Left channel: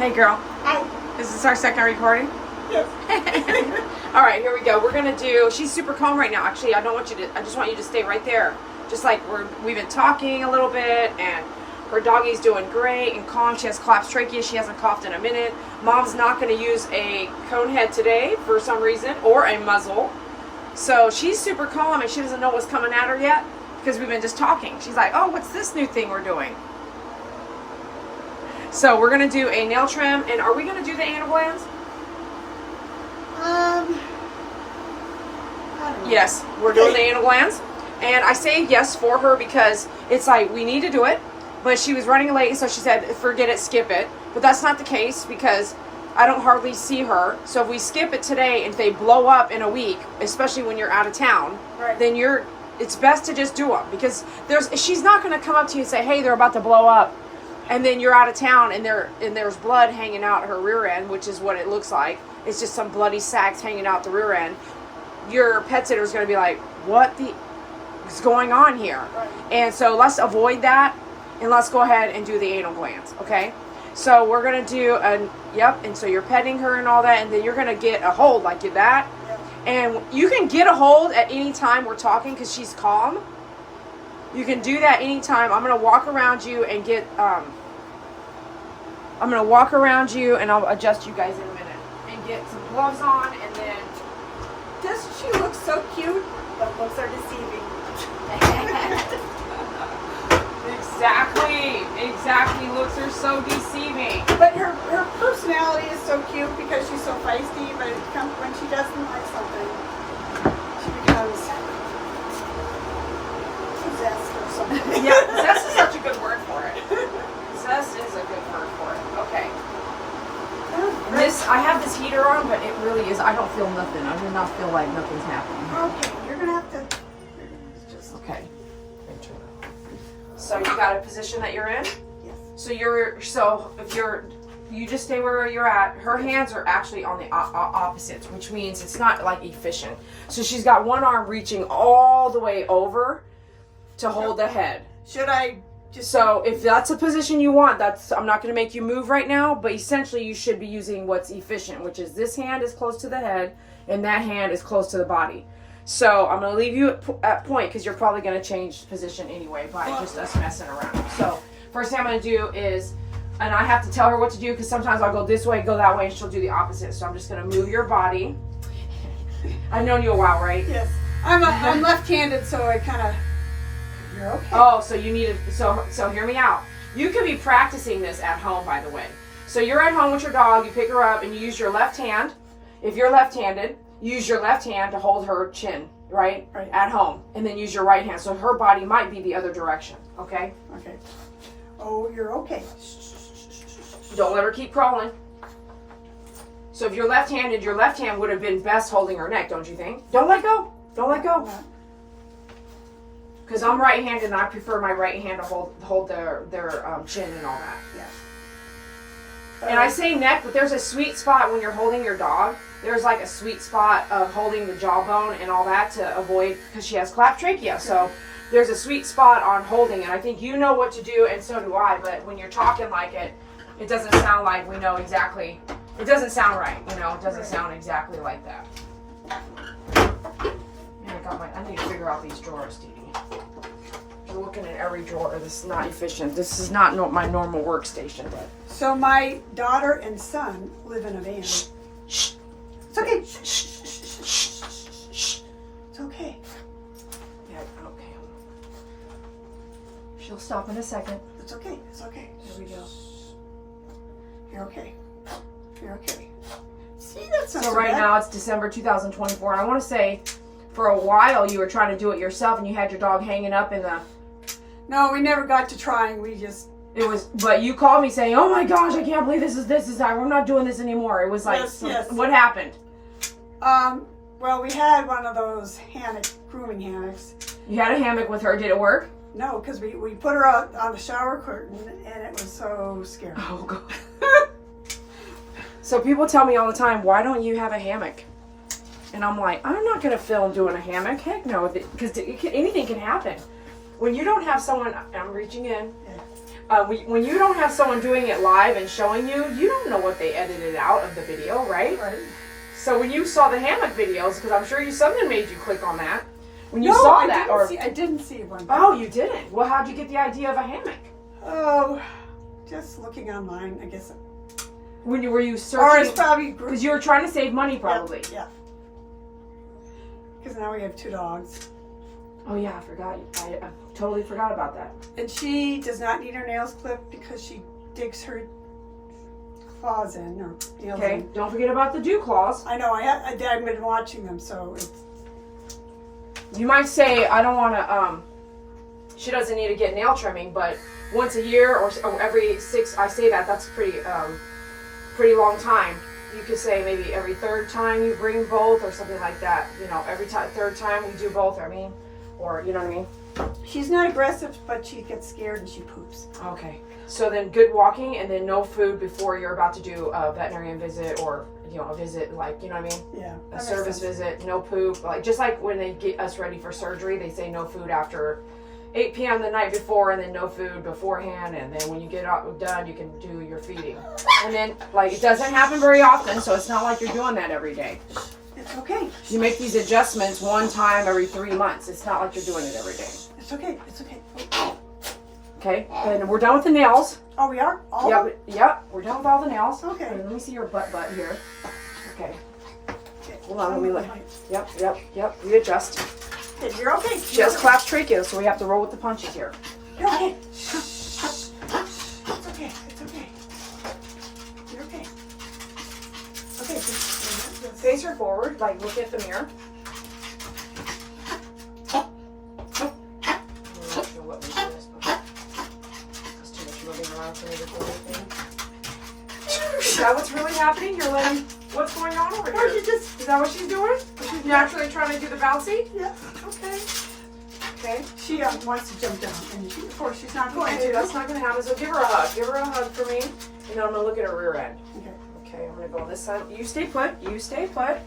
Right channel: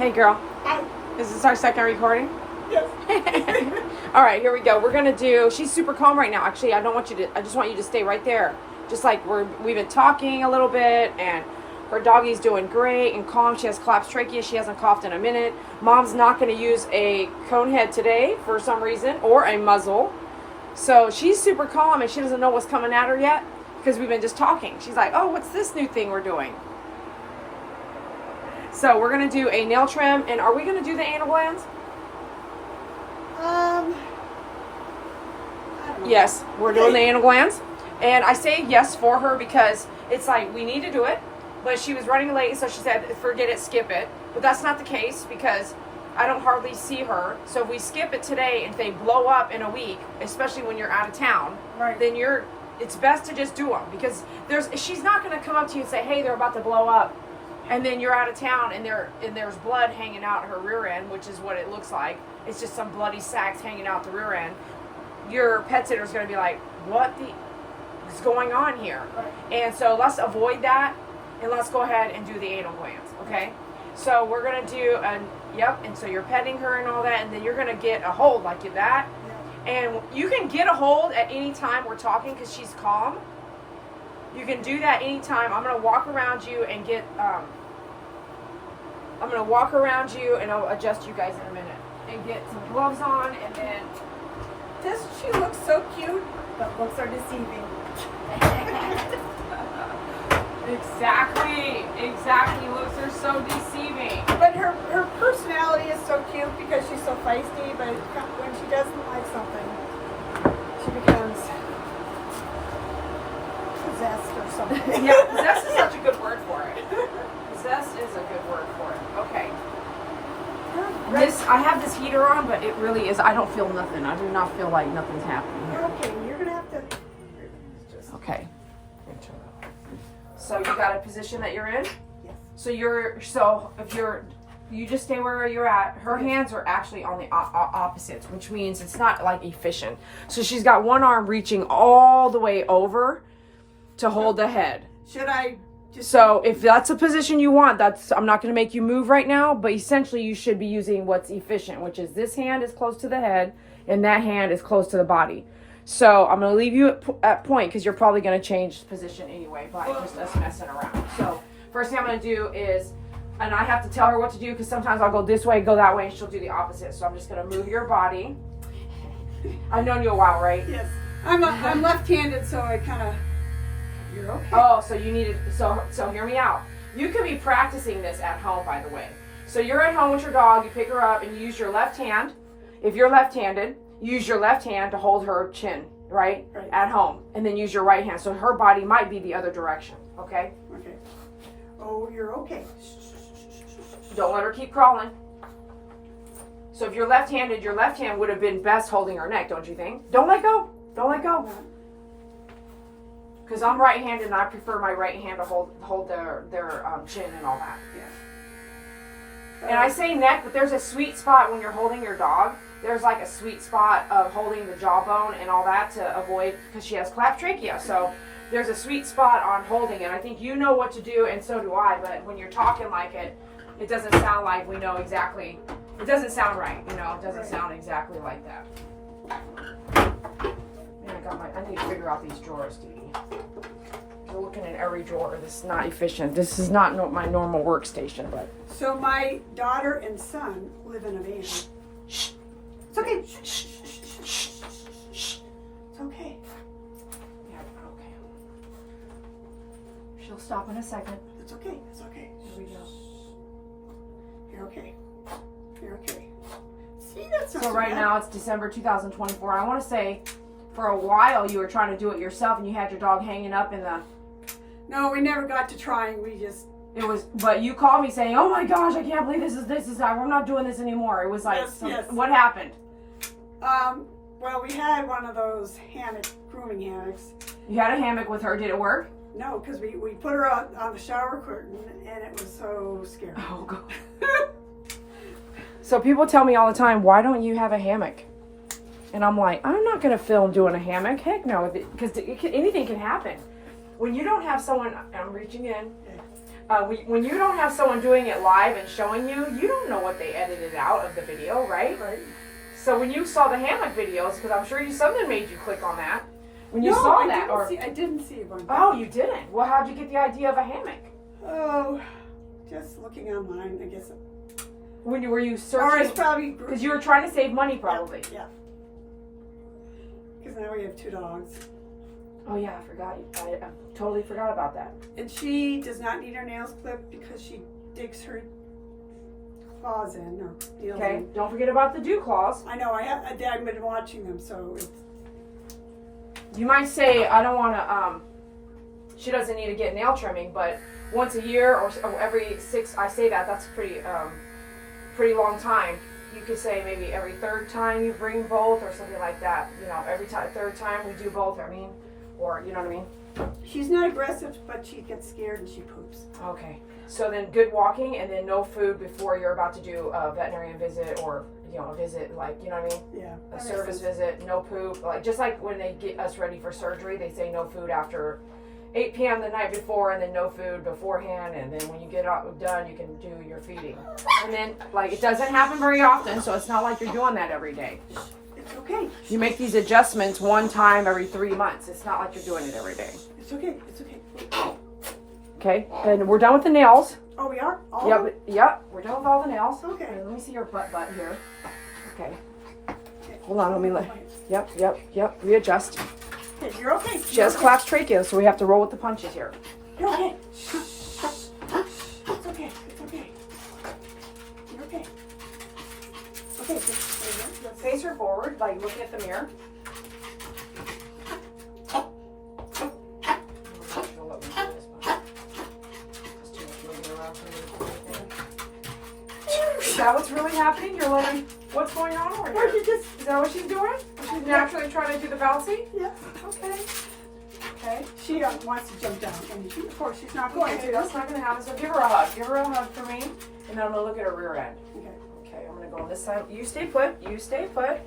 Hey girl. Hi. Is this our second recording? Yes. All right, here we go. We're gonna do. She's super calm right now. Actually, I don't want you to. I just want you to stay right there. Just like we've been talking a little bit, and her doggy's doing great and calm. She has collapsed trachea. She hasn't coughed in a minute. Mom's not gonna use a cone head today for some reason, or a muzzle. So she's super calm and she doesn't know what's coming at her yet because we've been just talking. She's like, "Oh, what's this new thing we're doing?" So we're gonna do a nail trim, and are we gonna do the anal glands? I don't know. Yes, we're doing the anal glands, and I say yes for her because it's like we need to do it. But she was running late, so she said, "Forget it, skip it." But that's not the case because I don't hardly see her. So if we skip it today, and if they blow up in a week, especially when you're out of town, Right. then it's best to just do them because she's not going to come up to you and say, "Hey, they're about to blow up." And then you're out of town and there's blood hanging out her rear end, which is what it looks like. It's just some bloody sacks hanging out the rear end. Your pet sitter is going to be like, "What the is going on here?" Right. And so let's avoid that and let's go ahead and do the anal glands, okay? So we're going to do and so you're petting her and all that, and then you're going to get a hold like that. Yeah. And you can get a hold at any time we're talking because she's calm. You can do that anytime. I'm going to walk around you and get, I'm going to walk around you and I'll adjust you guys in a minute and get some gloves on and then. Does she look so cute? But looks are deceiving. Exactly. Looks are so deceiving. But her personality is so cute because she's so feisty, but when she doesn't like something, she becomes possessed or something. Yeah, possessed is such a good word for it. Possessed is a good word for it. Okay. I have this heater on, but it really is. I don't feel nothing. I do not feel like nothing's happening. Okay, you're gonna have to just. Okay. So you got a position that you're in. Yes. So if you just stay where you're at. Her hands are actually on the opposites, which means it's not like efficient. So she's got one arm reaching all the way over to hold the head. Should I just? So if that's a position you want, I'm not going to make you move right now, but essentially you should be using what's efficient, which is this hand is close to the head and that hand is close to the body. So I'm going to leave you at point because you're probably going to change position anyway by just us messing around. So first thing I'm going to do is, and I have to tell her what to do because sometimes I'll go this way, go that way, and she'll do the opposite. So I'm just going to move your body. I've known you a while, right? Yes. I'm left-handed, so I kind of. You're okay. Oh, so you need it. So hear me out. You could be practicing this at home, by the way. So you're at home with your dog. You pick her up and you use your left hand. If you're left-handed, use your left hand to hold her chin, right? Right. At home, and then use your right hand. So her body might be the other direction. Okay. Okay. Oh, you're okay. Don't let her keep crawling. So if you're left-handed, your left hand would have been best holding her neck, don't you think? Don't let go. Don't let go. No. Because I'm right-handed and I prefer my right hand to hold their chin and all that. Yeah. And I say neck, but there's a sweet spot when you're holding your dog. There's like a sweet spot of holding the jawbone and all that to avoid, because she has collapsed trachea. So there's a sweet spot on holding, and I think you know what to do, and so do I. But when you're talking like it doesn't sound like we know exactly. It doesn't sound right, It doesn't sound exactly like that. I need to figure out these drawers, Dede. I'm looking at every drawer. This is not efficient. This is not my normal workstation. But So my daughter and son live in a van. shh. It's okay. Shh. It's okay. Yeah, okay. She'll stop in a second. It's okay. It's okay. Here we go. You're okay. You're okay. See, that's not So so right bad. now it's December 2024, and I want to say, for a while you were trying to do it yourself, and you had your dog hanging up in the. No, we never got to trying. We just. But you called me saying, "Oh my gosh, I can't believe this is we're not doing this anymore." It was like, Yes. What happened? Well, we had one of those grooming hammocks. You had a hammock with her. Did it work? No, because we put her out on the shower curtain, and it was so scary. Oh God. So people tell me all the time, "Why don't you have a hammock?" And I'm like, I'm not going to film doing a hammock. Heck no, because anything can happen. When you don't have someone, I'm reaching in. when you don't have someone doing it live and showing you, you don't know what they edited out of the video, right? Right. So when you saw the hammock videos, because I'm sure something made you click on that. When you No, saw I that, didn't see one. oh, you didn't. Well, how'd you get the idea of a hammock? Oh, just looking online, I guess. Were you Or searching? it's probably Because you were trying to save money, probably. Yeah. Because now we have 2 dogs. Oh yeah, I forgot. I totally forgot about that. And she does not need her nails clipped because she digs her claws in or nails Okay. in. Don't forget about the dew claws. I know. I've been watching them, so it's. You might say, I don't want to. She doesn't need to get nail trimming, but once a year or every 6. I say that's pretty long time. You could say maybe every 3rd time you bring both or something like that. You know, every 3rd time we do both. I mean, or you know what I mean. She's not aggressive, but she gets scared and she poops. Okay. So then good walking and then no food before you're about to do a veterinarian visit or, a visit, like, you know what I mean? Yeah. A service visit, no poop. Like, just like when they get us ready for surgery, they say no food after 8 p.m. the night before and then no food beforehand. And then when you get done, you can do your feeding. And then, like, it doesn't happen very often, so it's not like you're doing that every day. It's okay. You make these adjustments one time every 3 months. It's not like you're doing it every day. It's okay. It's okay. Okay, then we're done with the nails. Oh, we are? All Yep, of them? yep, we're done with all the nails. Okay. Let me see your butt here. Okay, Okay. hold on, let me look. Yep, readjust. Okay, you're okay. She has collapsed trachea, so we have to roll with the punches here. You're okay. It's okay. It's okay. You're okay. Okay. Face her forward, like look at the mirror. Is that what's really happening? You're looking, what's going on over here? Is that what she's doing? She's naturally trying to do the bouncy? Yeah. Okay. Okay. She wants to jump down, and of course she's not going Okay, to. that's not going to happen. So give her a hug. Give her a hug for me. And then I'm going to look at her rear end. Okay. Okay, I'm going to go on this side. You stay put. You stay put.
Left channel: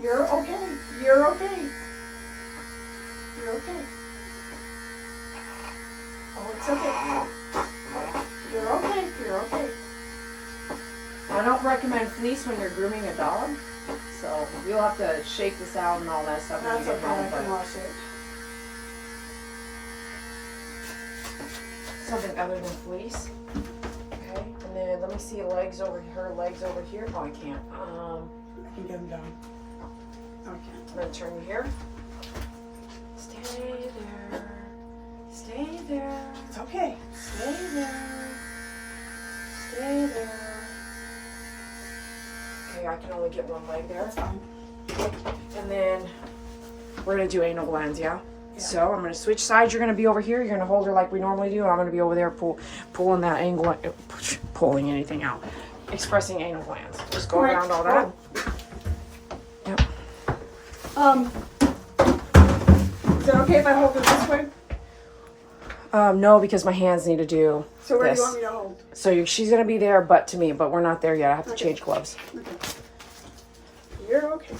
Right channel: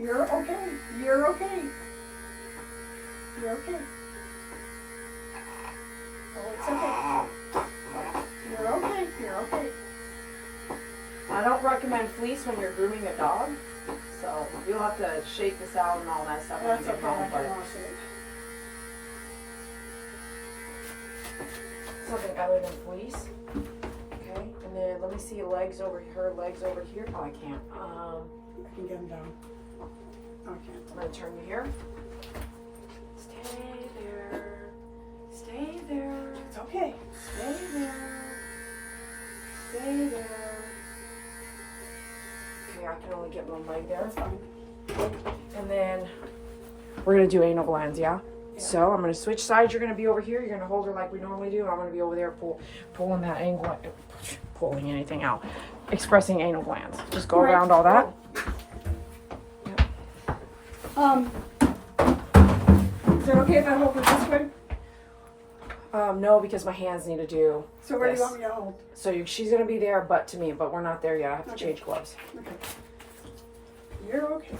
You're okay. You're okay. You're okay. Oh, it's okay. You're okay. You're okay. I don't recommend fleece when you're grooming a dog. So you'll have to shake this out and all that stuff when That's you get okay. home. I But can wash it. something other than fleece. Okay, and then let me see legs over her legs over here. Oh, I can't. I can get them down. No, I can't. I'm gonna turn you here. Stay there. Stay there. It's okay. Stay there. Stay there. Okay, I can only get one leg there. That's fine. And then we're gonna do anal glands, yeah? Yeah. So I'm gonna switch sides. You're gonna be over here. You're gonna hold her like we normally do. I'm gonna be over there pulling that angle, pulling anything out, expressing anal glands. Just go around all that. Yep. Is it okay if I hold it this way? No, because my hands need to do So where this. do you want me to hold? So she's gonna be there, butt to me, but we're not there yet. I have to Okay. change gloves. Okay. You're okay.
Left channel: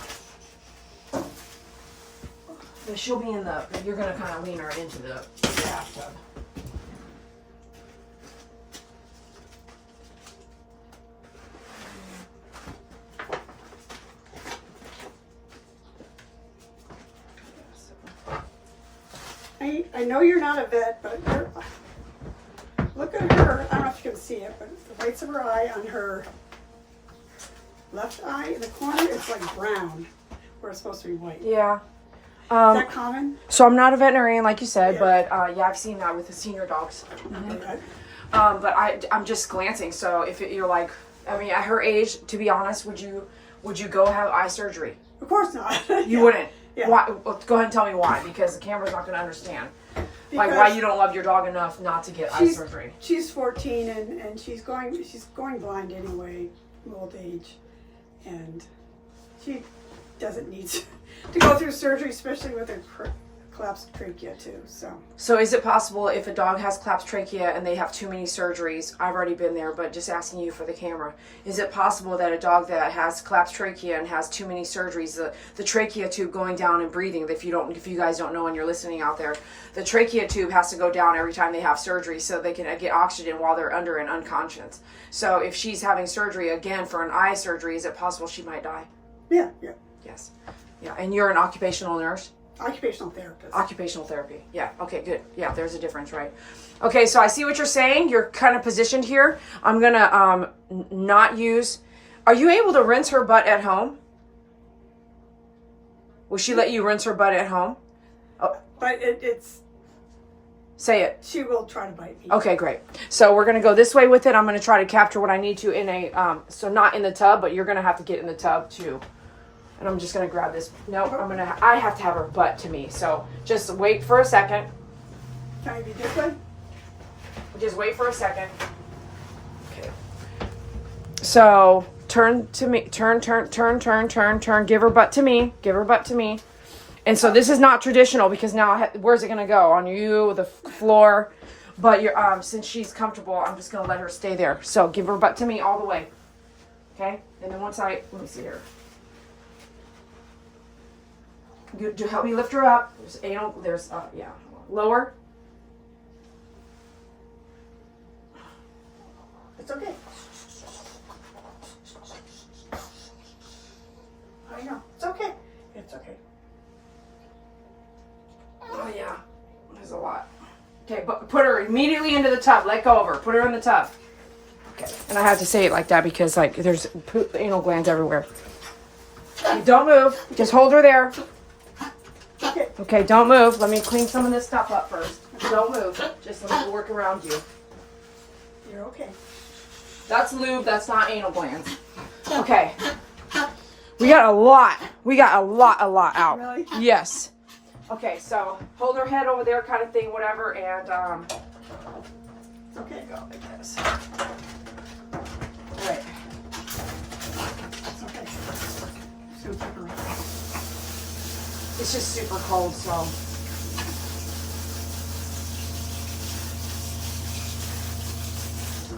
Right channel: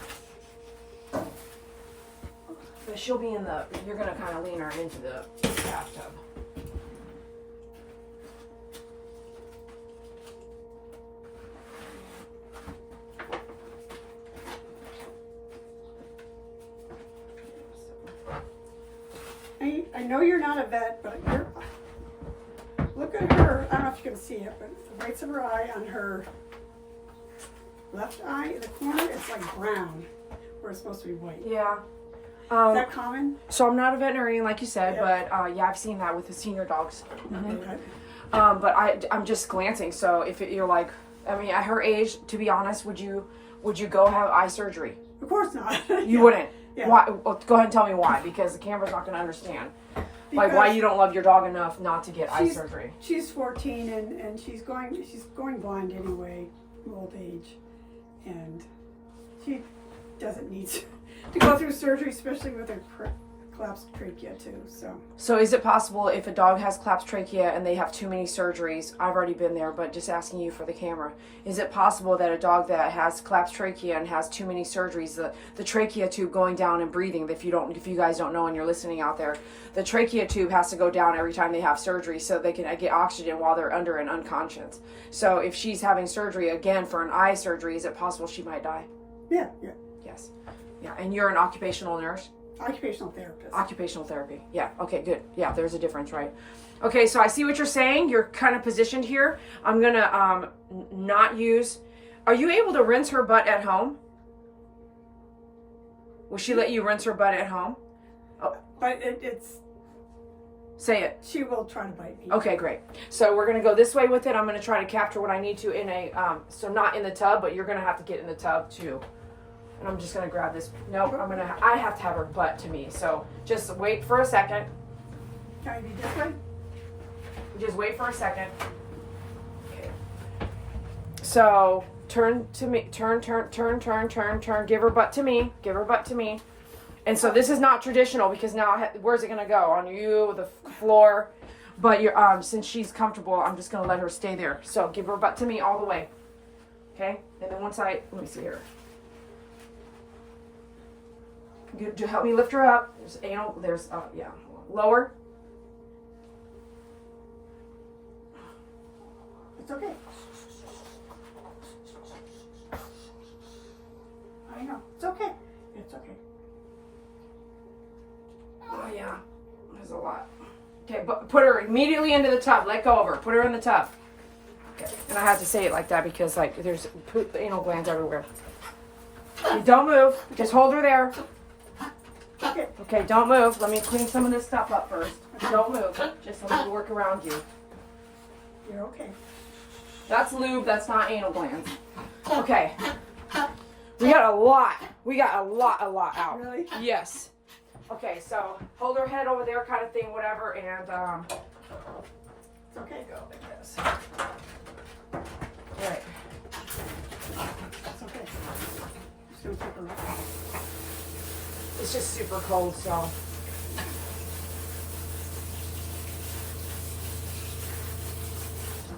But she'll be in the. You're gonna kind of lean her into the bathtub. I know you're not a vet, but you're. Look at her. I don't know if you can see it, but the whites of her eye on her left eye in the corner, it's like brown, where it's supposed to be white. Yeah. Is that common? So I'm not a veterinarian, like you said, Yeah. but yeah, I've seen that with the senior dogs. Okay. But I'm just glancing. So if you're like, I mean, at her age, to be honest, would you go have eye surgery? Of course not. You wouldn't. Yeah. Why? Well, go ahead and tell me why, because the camera's not going to understand. Like why you don't love your dog enough not to get eye surgery. She's 14 and she's going blind anyway, old age, and she doesn't need to go through surgery, especially with her collapsed trachea too, so. So is it possible if a dog has collapsed trachea and they have too many surgeries, I've already been there, but just asking you for the camera, is it possible that a dog that has collapsed trachea and has too many surgeries, the trachea tube going down and breathing, if you guys don't know and you're listening out there, the trachea tube has to go down every time they have surgery so they can get oxygen while they're under and unconscious. So if she's having surgery again for an eye surgery, is it possible she might die? Yeah. Yes. Yeah, and you're an occupational nurse? Occupational therapist. Occupational therapy. Yeah. Okay, good. Yeah, there's a difference, right? Okay, so I see what you're saying. You're kind of positioned here. I'm going to not use... Are you able to rinse her butt at home? Will she let you rinse her butt at home? Oh. But it's... Say it. She will try to bite me. Okay, great. So we're going to go this way with it. I'm going to try to capture what I need to in a... so not in the tub, but you're going to have to get in the tub too. And I'm just going to grab this. Nope, I have to have her butt to me. So just wait for a second. Can I be this way? Just wait for a second. Okay. So turn to me. Turn. Give her butt to me. Give her butt to me. And so this is not traditional because now where's it going to go? On you, the floor. But you're, since she's comfortable, I'm just going to let her stay there. So give her butt to me all the way. Okay? And then once let me see here. Good, to help me lift her up. There's yeah. Lower. It's okay. I know. It's okay. It's okay. Oh yeah. There's a lot. Okay, but put her immediately into the tub. Let go of her. Put her in the tub. Okay. And I have to say it like that because like there's anal glands everywhere. Okay, don't move. Just hold her there. Okay. Okay, don't move. Let me clean some of this stuff up first. Don't move. Just let me work around you. You're okay. That's lube. That's not anal glands. Okay. We got a lot. We got a lot out. Really? Yes. Okay, so hold her head over there kind of thing, whatever, and It's okay. go like this. Right. It's okay. Just gonna pick her up. It's just super cold, so.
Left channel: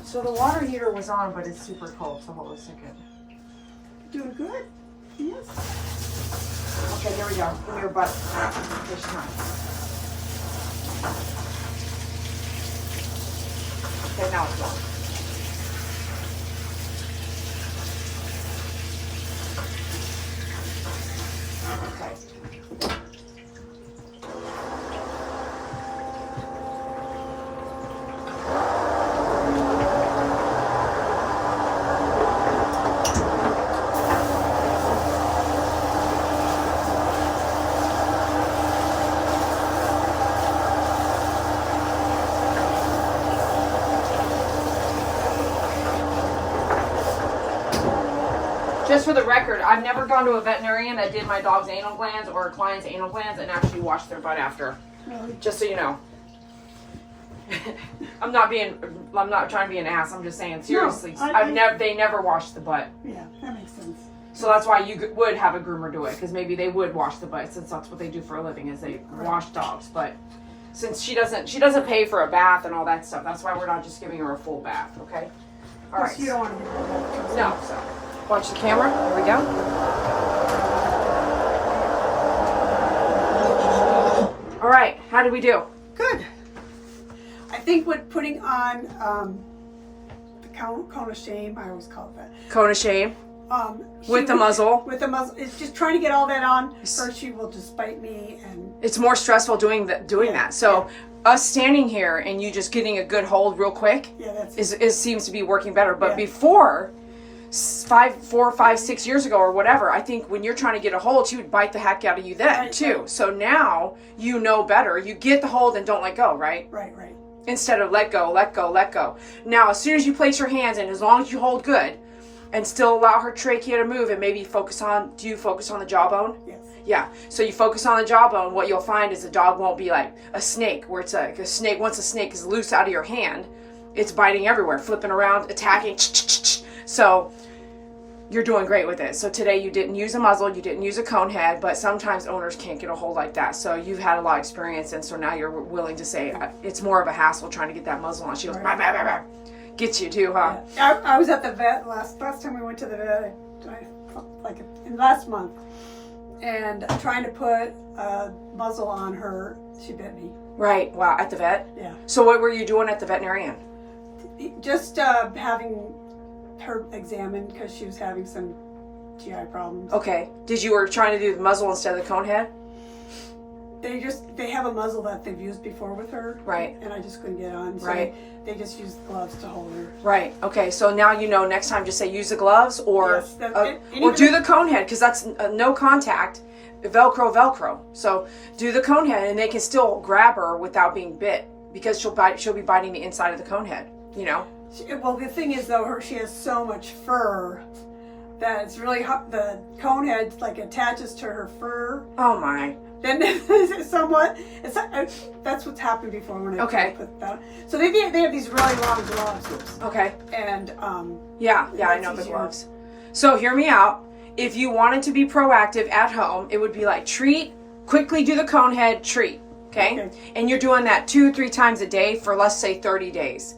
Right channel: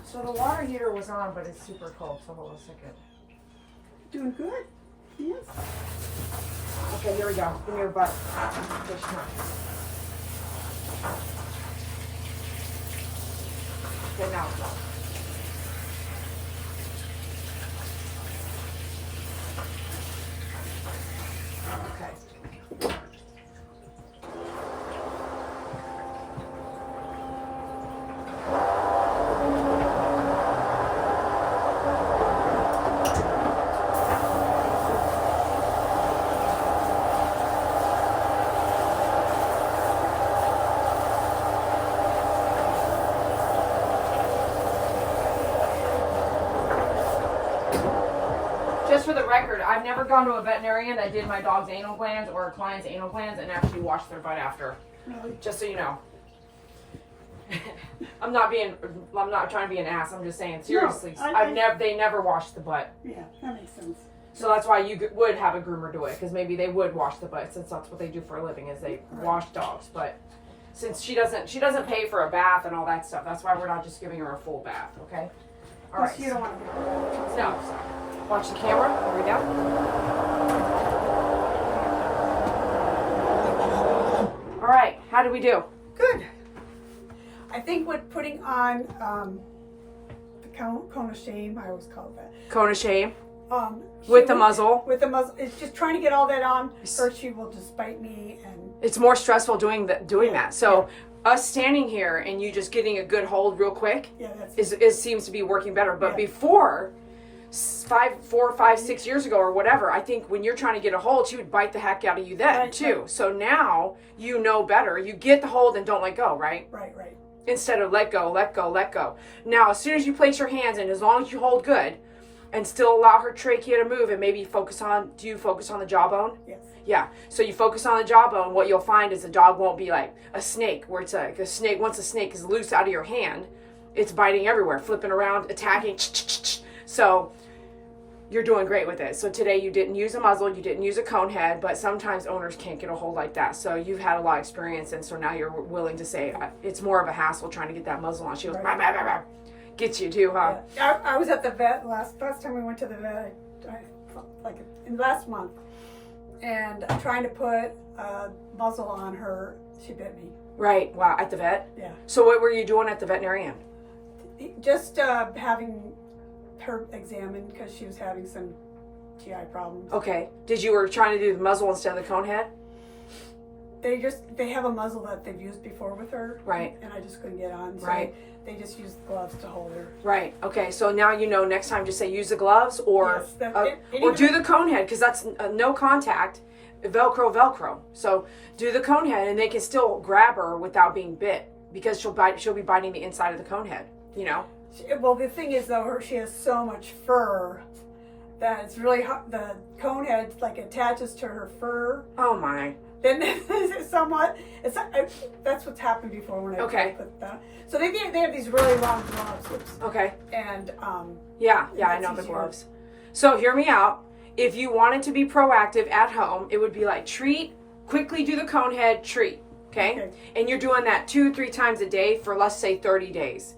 So the water heater was on, but it's super cold, so hold on a second. Doing good? Yes. Okay, here we go. Give me your butt. Fish time. Okay, now it's on. Okay. Just for the record, I've never gone to a veterinarian that did my dog's anal glands or a client's anal glands and actually washed their butt after. Really? Just so you know. I'm not trying to be an ass. I'm just saying seriously. No, they never washed the butt. Yeah, that makes sense. So that's why you would have a groomer do it, because maybe they would wash the butt, since that's what they do for a living, is they wash dogs. But since she doesn't pay for a bath and all that stuff, that's why we're not just giving her a full bath. Okay. All right. You don't want to. No. So, watch the camera. Here we go. All right. How did we do? Good. I think with putting on the cone of shame, I always call it that. Cone of shame. With the muzzle. With the muzzle. It's just trying to get all that on. First, she will just bite me, and it's more stressful doing that. So us standing here and you just getting a good hold real quick, seems to be working better. But before, 4, 5, 6 years ago or whatever, I think when you're trying to get a hold, she would bite the heck out of you then too. Right. So now you know better. You get the hold and don't let go, right? Right. Instead of let go, let go, let go. Now, as soon as you place your hands in, as long as you hold good and still allow her trachea to move, and maybe do you focus on the jawbone? Yes. Yeah. So you focus on the jawbone, what you'll find is the dog won't be like a snake, where it's like a snake. Once a snake is loose out of your hand, it's biting everywhere, flipping around, attacking. So You're doing great with it. So today you didn't use a muzzle, you didn't use a cone head, but sometimes owners can't get a hold like that. So you've had a lot of experience, and so now you're willing to say it's more of a hassle trying to get that muzzle on. She goes, bah, bah, bah, bah. Gets you too, huh? Yeah. I was at the vet last time we went to the vet, like last month, and trying to put a muzzle on her, she bit me. Right. Wow. At the vet? Yeah. So what were you doing at the veterinarian? Just having her examined because she was having some GI problems. Okay. You were trying to do the muzzle instead of the cone head? They have a muzzle that they've used before with her. Right. And I just couldn't get on. So right. They just used gloves to hold her. Right. Okay. So now you know, next time just say use the gloves or yes, or do the cone head, because that's no contact. Velcro. So do the cone head, and they can still grab her without being bit, because she'll be biting the inside of the cone head, you know? Well, the thing is though, she has so much fur that it's really hot. The cone head like attaches to her fur. Oh my. Then somewhat, that's what's happened before when I put that on. So they have these really long gloves. Oops. Okay. And yeah, I know the gloves. So hear me out. If you wanted to be proactive at home, it would be like treat, quickly do the cone head, treat. Okay? And you're doing that 2-3 times a day for, let's say, 30 days.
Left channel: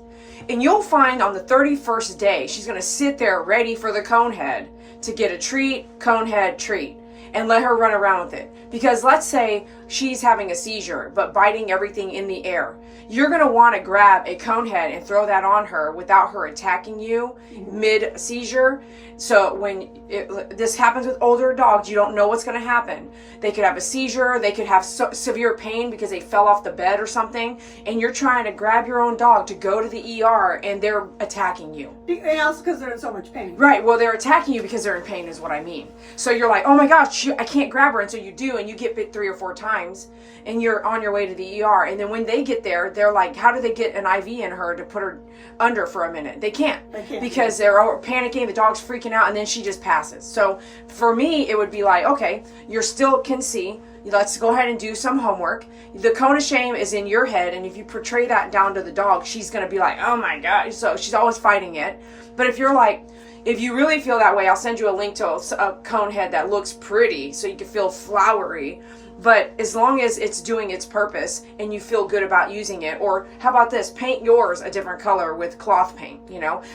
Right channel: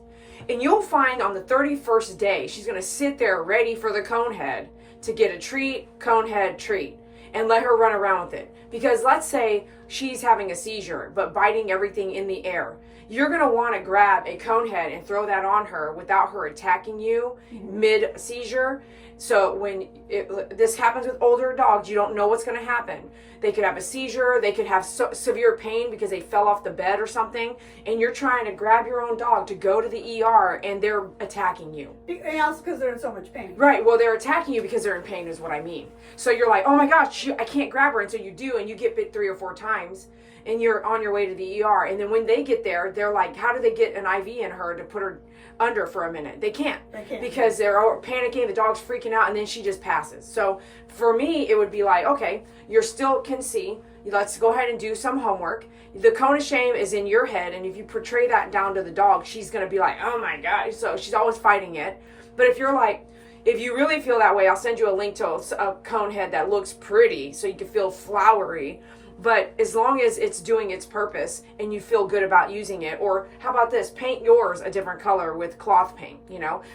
And you'll find on the 31st day, she's going to sit there ready for the cone head to get a treat, cone head, treat, and let her run around with it. Because let's say she's having a seizure, but biting everything in the air. You're going to want to grab a cone head and throw that on her without her attacking you mid-seizure. So when this happens with older dogs, you don't know what's going to happen. They could have a seizure, they could have severe pain because they fell off the bed or something, and you're trying to grab your own dog to go to the ER, and they're attacking you. And also because they're in so much pain. Right, well, they're attacking you because they're in pain is what I mean. So you're like, oh my gosh, I can't grab her, and so you do, and you get bit 3 or 4 times, and you're on your way to the ER. And then when they get there, they're like, how do they get an IV in her to put her under for a minute? They can't because they're panicking, the dog's freaking out, and then she just passes. So for me, it would be like, okay, you're still can see, let's go ahead and do some homework. The cone of shame is in your head, and if you portray that down to the dog, she's going to be like, oh my God. So she's always fighting it. But if you're like, if you really feel that way, I'll send you a link to a cone head that looks pretty so you can feel flowery. But as long as it's doing its purpose and you feel good about using it, or how about this, paint yours a different color with cloth paint,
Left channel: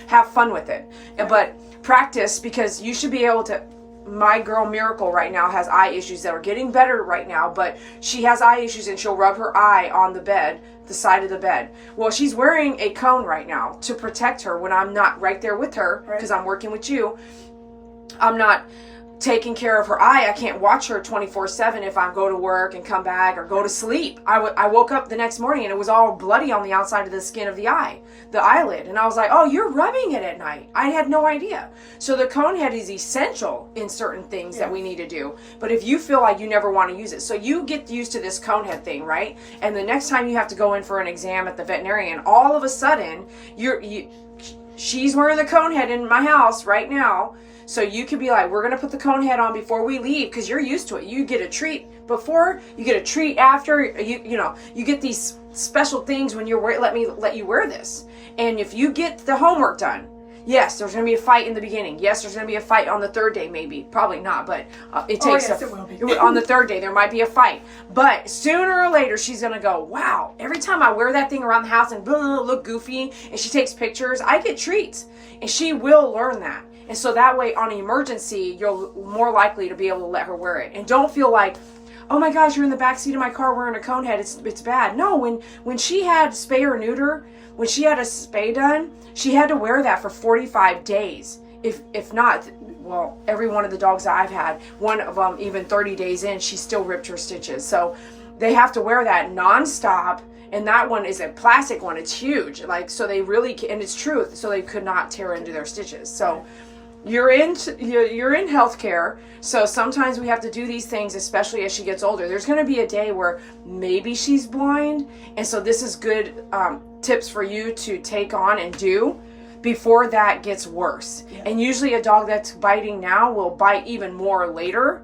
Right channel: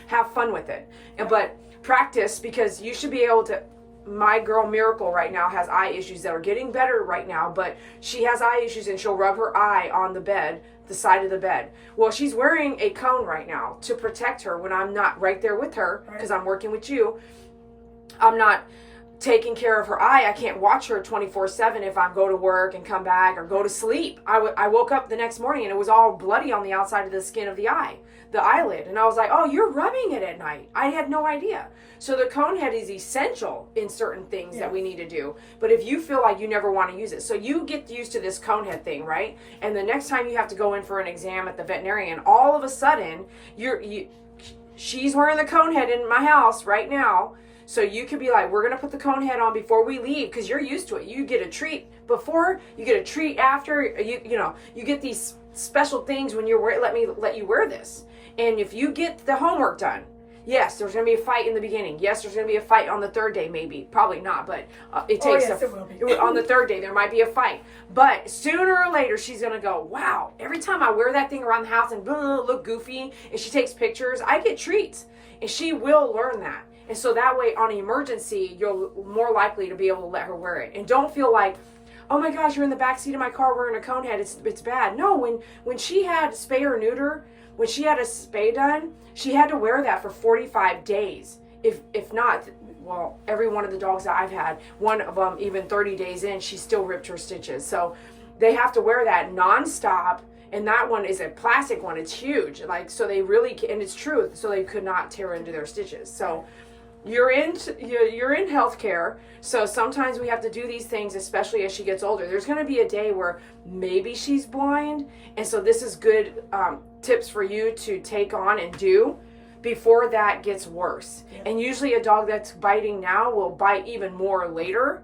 have fun with it. But practice, because you should be able to. My girl Miracle right now has eye issues that are getting better right now, but she has eye issues and she'll rub her eye on the bed, the side of the bed. Well, she's wearing a cone right now to protect her when I'm not right there with her, because I'm working with you. I'm not taking care of her eye. I can't watch her 24/7 if I go to work and come back or go to sleep. I woke up the next morning and it was all bloody on the outside of the skin of the eye, the eyelid. And I was like, oh, you're rubbing it at night. I had no idea. So the cone head is essential in certain things that we need to do. But if you feel like you never want to use it, so you get used to this cone head thing, right? And the next time you have to go in for an exam at the veterinarian, all of a sudden she's wearing the cone head in my house right now. So you could be like, we're going to put the cone head on before we leave, because you're used to it. You get a treat before, you get a treat after, you get these special things when you're let you wear this. And if you get the homework done, yes, there's going to be a fight in the beginning. Yes, there's going to be a fight on the 3rd day, maybe. Probably not, but it takes it will be. on the 3rd day, there might be a fight. But sooner or later, she's going to go, wow, every time I wear that thing around the house and look goofy, and she takes pictures, I get treats. And she will learn that. And so that way, on an emergency, you're more likely to be able to let her wear it. And don't feel like, oh my gosh, you're in the back seat of my car wearing a cone head. It's bad. No, when she had spay or neuter, when she had a spay done, she had to wear that for 45 days. If not, well, every one of the dogs that I've had, one of them even 30 days in, she still ripped her stitches. So they have to wear that nonstop. And that one is a plastic one. It's huge. So they really, and it's true. So they could not tear into their stitches. So you're in healthcare, so sometimes we have to do these things, especially as she gets older. There's going to be a day where maybe she's blind, and so this is good tips for you to take on and do before that gets worse. Yeah. And usually a dog that's biting now will bite even more later.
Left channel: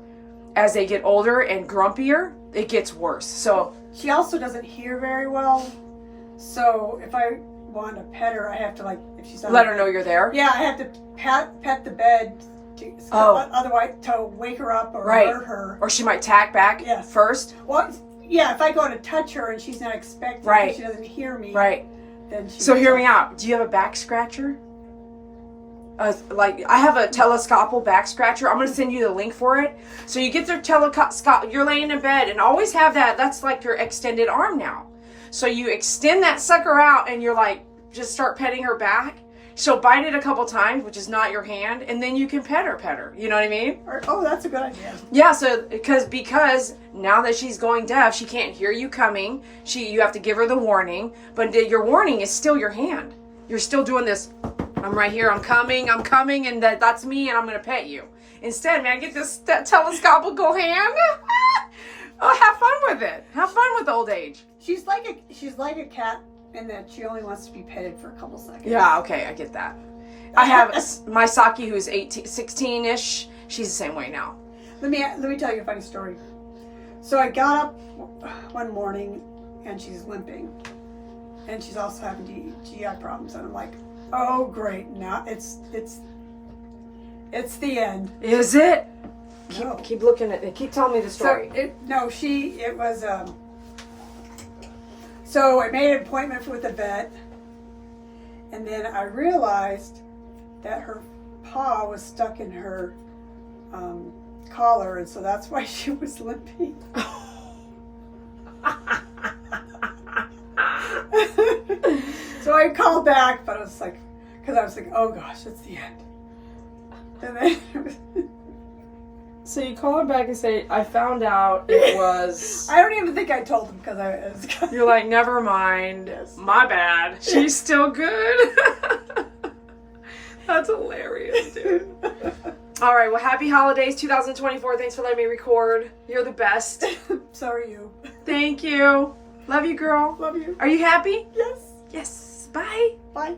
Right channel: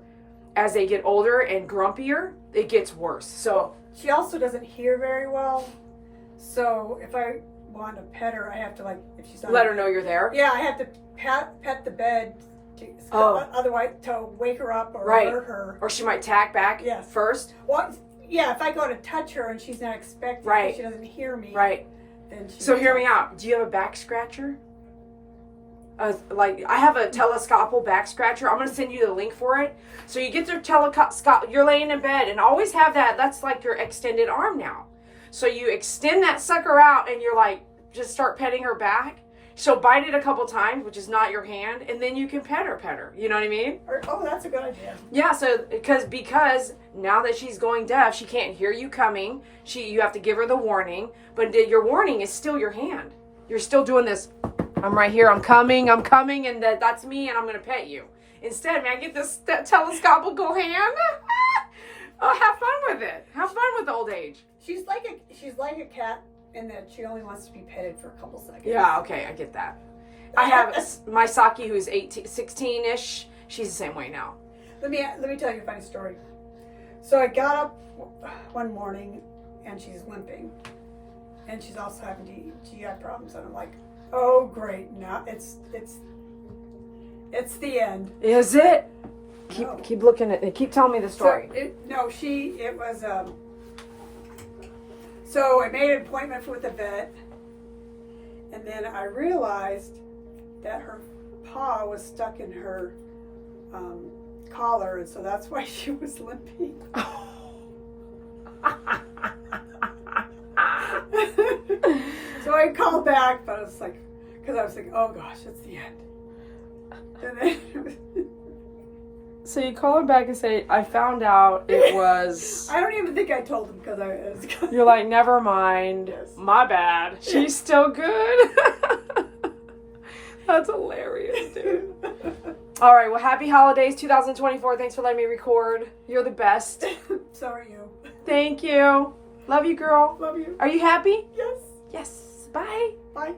As they get older and grumpier, it gets worse. So she also doesn't hear very well, so if I want to pet her, I have to if she's let her know you're there. Yeah, I have to pet the bed Otherwise, to wake her up or Right. hurt her. Or she might tack back Yes. first. Well, yeah, if I go to touch her and she's not expecting, Right. she doesn't hear me. Right. Then she So hear me out. Do you have a back scratcher? Like I have a telescopal back scratcher. I'm gonna send you the link for it. So you get the telescope. You're laying in bed and always have that. That's like your extended arm now. So you extend that sucker out and you're like, just start petting her back. She'll bite it a couple times, which is not your hand, and then you can pet her. You know what I mean? Oh, that's a good idea. Yeah. So because now that she's going deaf, she can't hear you coming. You have to give her the warning, but your warning is still your hand. You're still doing this. I'm right here. I'm coming, and that's me, and I'm gonna pet you. Instead, man, get that telescopical hand. Oh, have fun with it. Have fun with old age. She's like a cat in that she only wants to be petted for a couple seconds. Yeah, okay, I get that. I have my Saki who's 16-ish. She's the same way now. Let me tell you a funny story. So I got up one morning and she's limping, and she's also having GI problems, and I'm like, oh great, now it's the end. Is it? No. Keep looking at it. Keep telling me the story. So I made an appointment with the vet, and then I realized that her paw was stuck in her collar, and so that's why she was limping. So I called back, but I was like, oh gosh, it's the end. And then So you call her back and say, I found out it was... I don't even think I told him because You're like, never mind. Yes. My bad. She's still good. That's hilarious, dude. All right, well, happy holidays 2024. Thanks for letting me record. You're the best. So are you. Thank you. Love you, girl. Love you. Are you happy? Yes. Yes. Bye. Bye.